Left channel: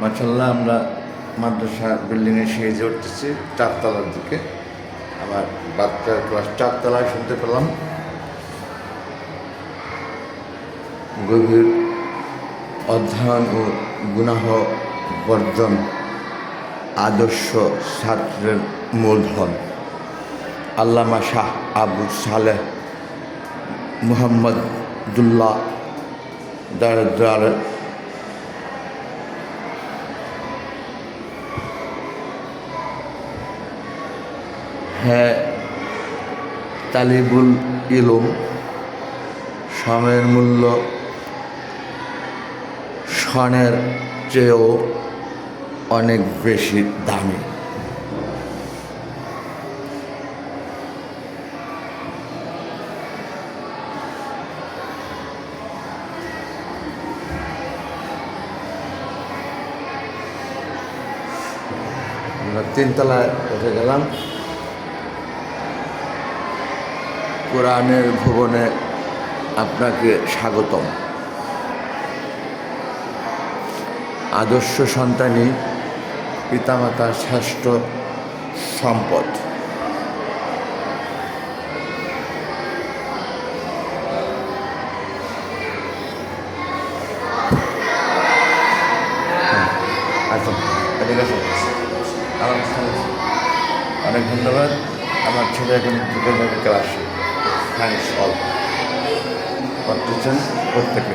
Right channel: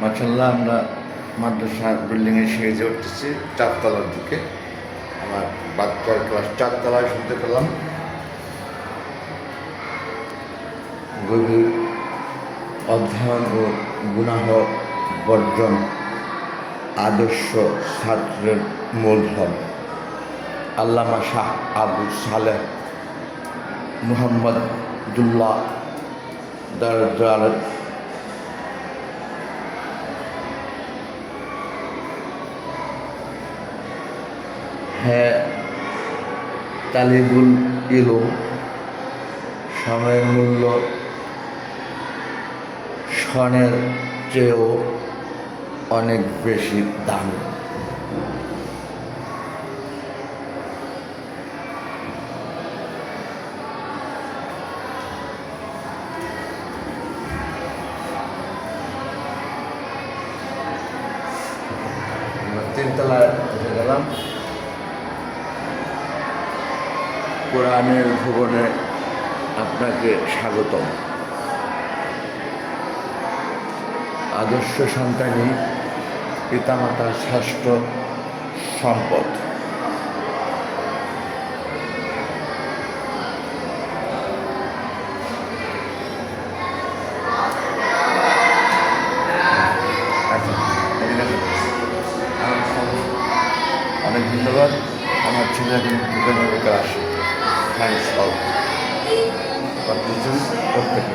মাশাআল্লাহ আমরা মাদ্রাসা বিল্ডিংয়ে সিঁড়িতে উঠতেছি 4 তলার দিকে। আমার বাচ্চার ক্লাস 4 তলায় শুনতে পেলাম। গভীর অধ্যয়ন ও গুনাহ বর্জন আদর্শ ছাত্রের মূলধন। আল্লামা শাহ আবু সালেহ মুহাম্মদুল্লাহ দার হ্যাঁ, তালিবুল ইলম সময়ের মূল্য স্বর্ণের চেয়েও অনেক বেশি দামি। আমরা 3 তলায় উঠে গেলাম। কোরআনের ভুবনে আপনাকে স্বাগতম। আদর্শ সন্তানই পিতামাতার শ্রেষ্ঠ সম্পদ। অনেক ধন্যবাদ। আমার ছেলে এখন ক্লাস থ্যাংকস অল প্রত্যেকে।